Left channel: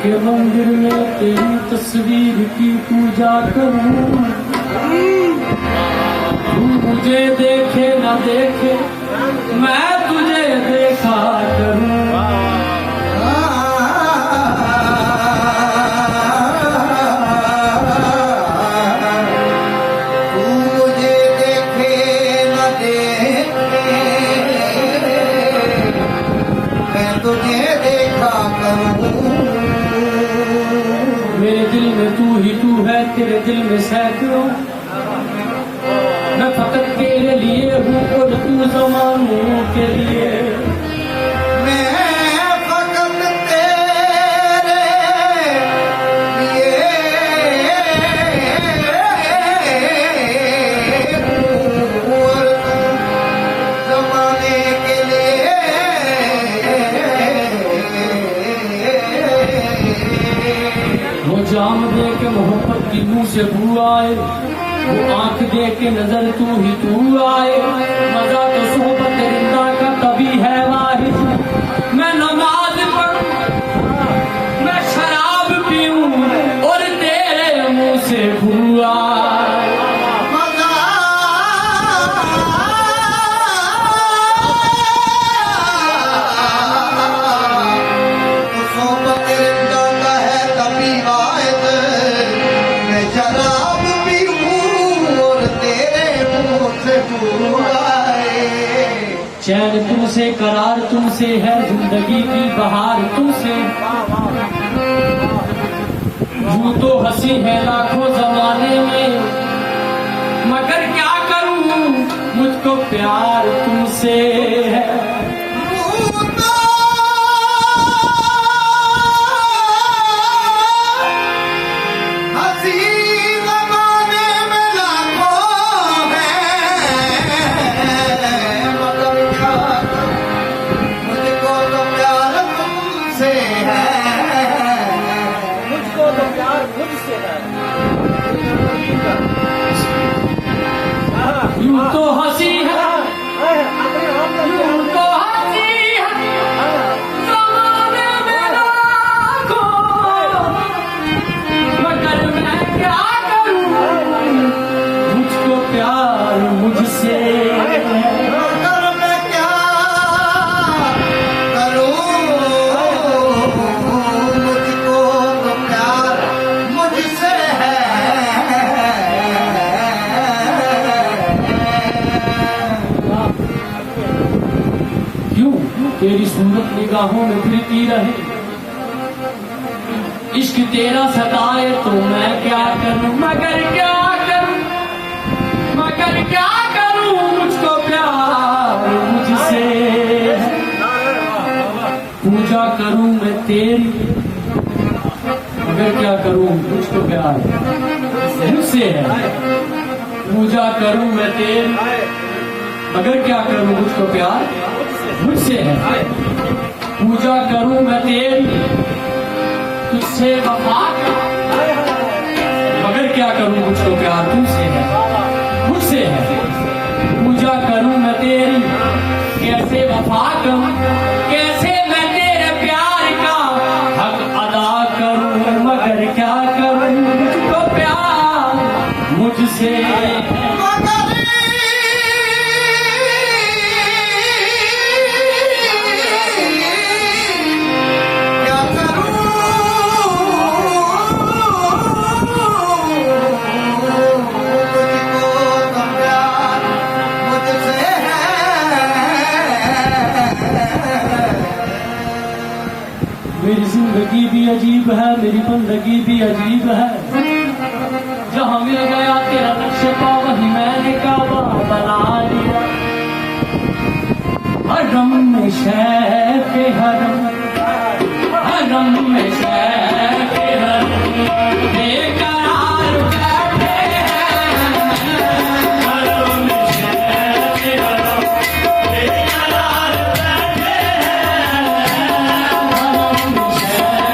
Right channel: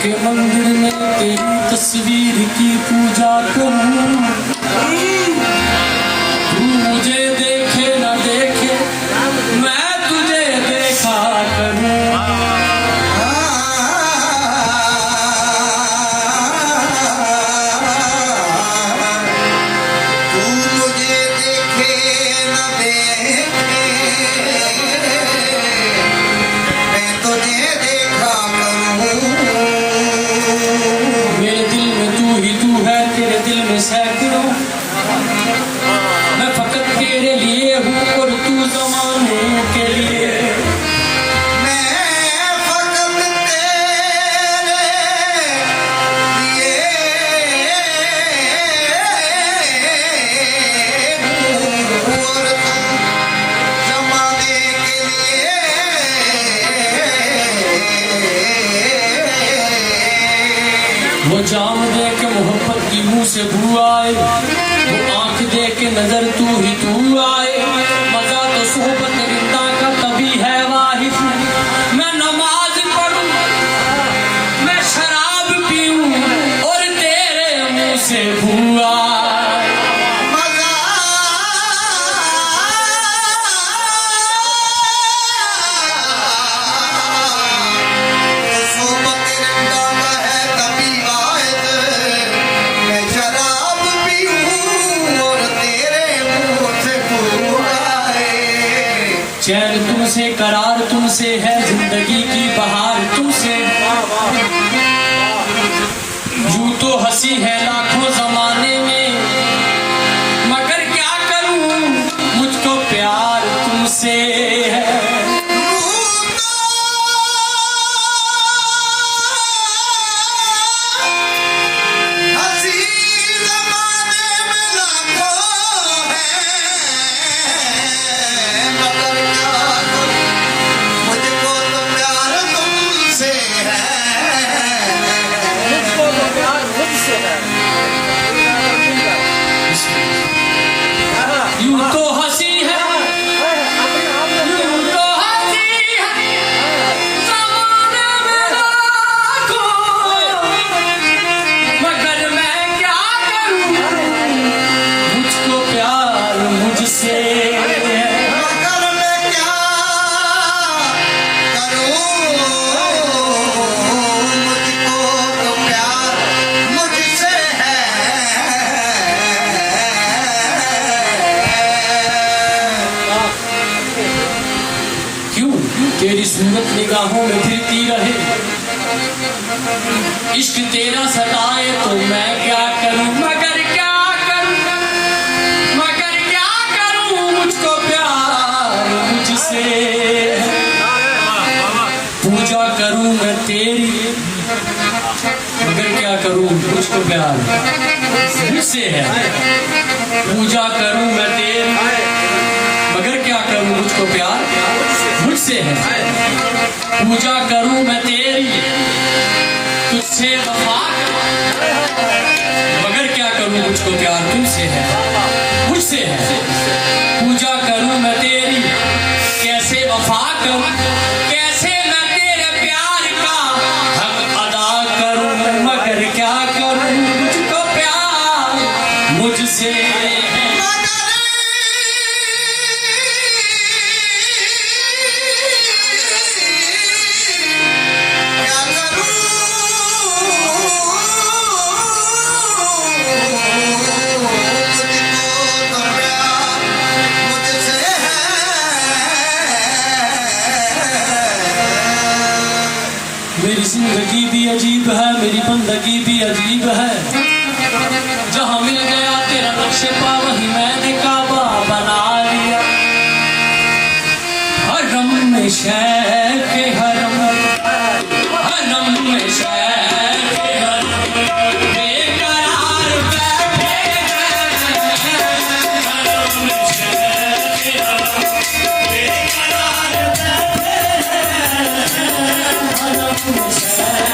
के मंदिर में तेरी तस्वीर की पूजा करूं, तू मुझे देखे ना देखे मैं तुझे देखा करूं। तू मुझे देखे ना देखे मैं तुझे देखा करूं। मेरे दिल में तू ही तू है, तेरे दिल में सैकड़ों, मैं फकत तेरे लिए हूँ और तू ज़मानों के लिए। मैं फकत तेरे लिए और तू ज़माने के लिए। वो जाम दे के मोहब्बत की मुंह से बू आए, वो आंख दे के नजर तू ही तू आए। मजा तो सोहबत रिंदा का तभी है वाहिद, मैं नमाज पढ़ूं मैं शराब पीऊं और तेरे मुंह से बू आए। मज़ा सोबत रिंदा का है तभी वाहिद, मैं शराब पीऊं और तेरे मुंह से बू आए। चैन तुमसे करार तुमसे है, जिंदगी की बहार तुमसे। यूं तो हंसी है लाखों जमाने में, मगर क्या करूं मुझको प्यार तुमसे है। हंसी ज़माने में लाखों हैं, मगर क्या करूं मुझको तो प्यार तुमसे है। मुझको तो प्यार मुझसे है। यूं तो हंसी है अपने आप में यूं तो हंसी है ज़माने में लाखों, मगर मैं क्या करूं मुझको प्यार मुझसे है। मगर मैं क्या करूं मुझको तो प्यार मुझसे है। क्यों तेरी सूरत निगाहों में फिरती रहे, इश्क तेरा सताए तो मैं क्या करूं मगर क्या करूं मगर क्या करूं मुझको प्यार मुझसे। पूजा करूं मैं तेरी मगर क्या करूं मुझको प्यार मुझसे है। पूजा करूं मैं तेरी मगर क्या करूं मुझको प्यार मुझसे है। पूजा करूं मैं तेरी तुझसे वफा करूं, मगर क्या करूं मुझको प्यार तुमसे है मुझसे है। पूजा करूं मैं तेरी कैसे वफा करूं, कैसे मैं तेरे प्यार का हक अदा करूं, मगर क्या करूं मुझको प्यार मुझसे है। क्या करूं मुझको तो प्यार मुझसे है। मेरी जिंदगी भी अजीब है, मेरी बंदगी भी अजीब है। जहाँ मिल गया तेरा नक्शे पा वहीं मैंने काबा बना लिया। हरम में शैख हरम, हरम में शैख हरम, बेकरार बैठे हैं। हरम में शैख हरम, बेकरार बैठे हैं। हरम में शैख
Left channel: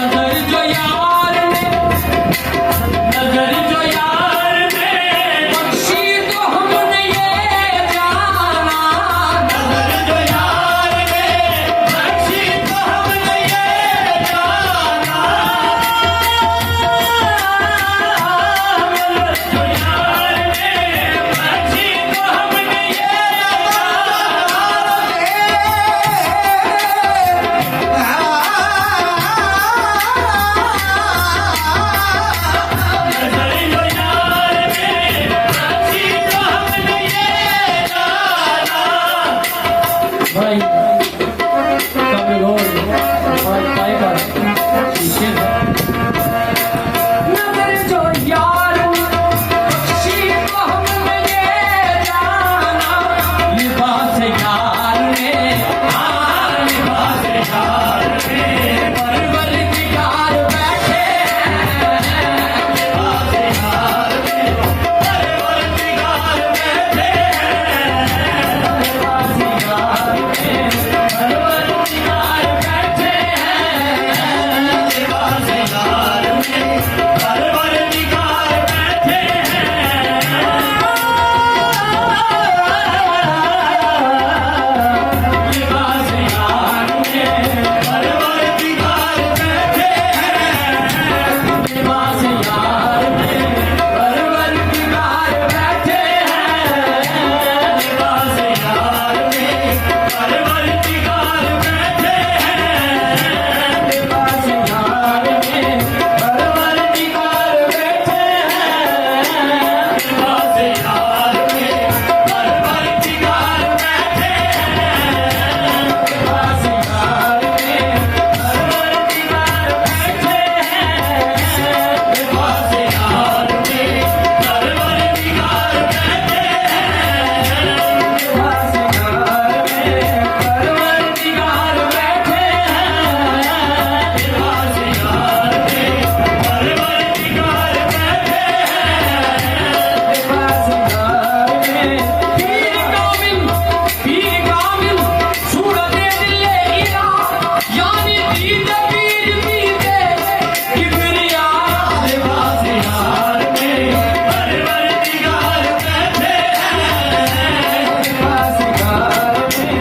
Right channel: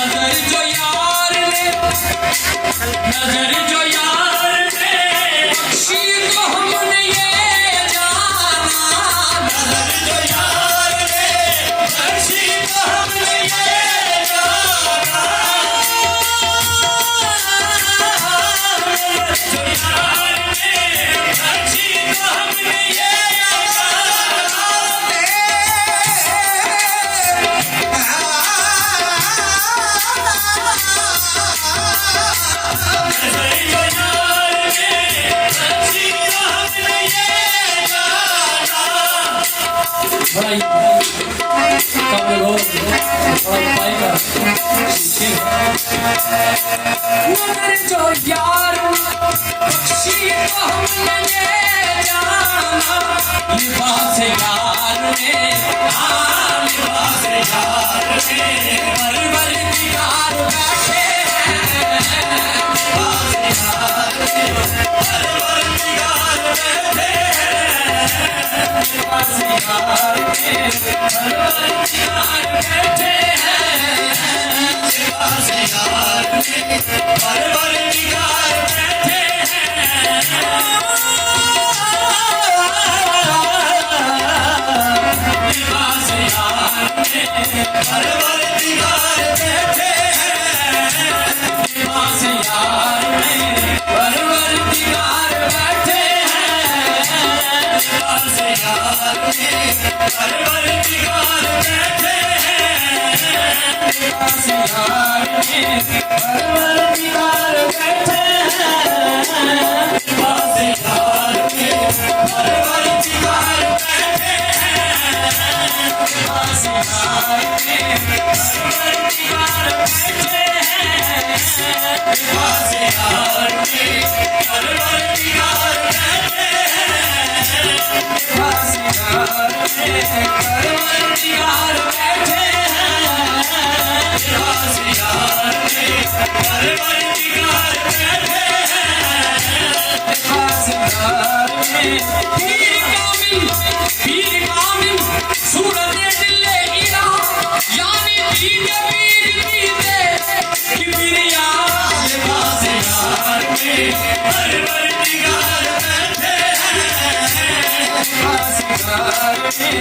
नजर जो यार ने नजर जो यार ने बख्शी तो हमने ये जाना नजर जो यार ने बख्शी तो हमने ये जाना नजर जो यार ने बख्शी तो हमने ये भाई कम लोग और पाएगा नजर जो यार बख्शी तो हमने ये जाना लिबास यार ने हाँ लिबास यार ने परवर दीदार बैठे हैं लिबास यार ने परवर दीदार बैठे हैं लिबास यार ने परवर दीदार बैठे हैं लिबास यार ने परवर दीदार बैठे हैं लिबास यार ने परवर दीदार बैठे हैं लिबास यार ने परवर दीदार बैठे हैं लिबास यार ने परवर दीदार बैठे हैं लिबास यार ने परवर दीदार बैठे हैं लिबास यार ने परवर दीदार बैठे हैं लिबास यार ने परवर दीदार बैठे हैं लिबास यार ने परवर दीदार बैठे हैं लिबास यार ने परवर दीदार बैठे हैं लिबास यार ने परवर दीदार बैठे हैं लिबास यार ने पीर कामिल सूरत दिल इरा यानी पीर पीते किबरिया लिबास यार ने परवर दीदार बैठे हैं लिबास यार ने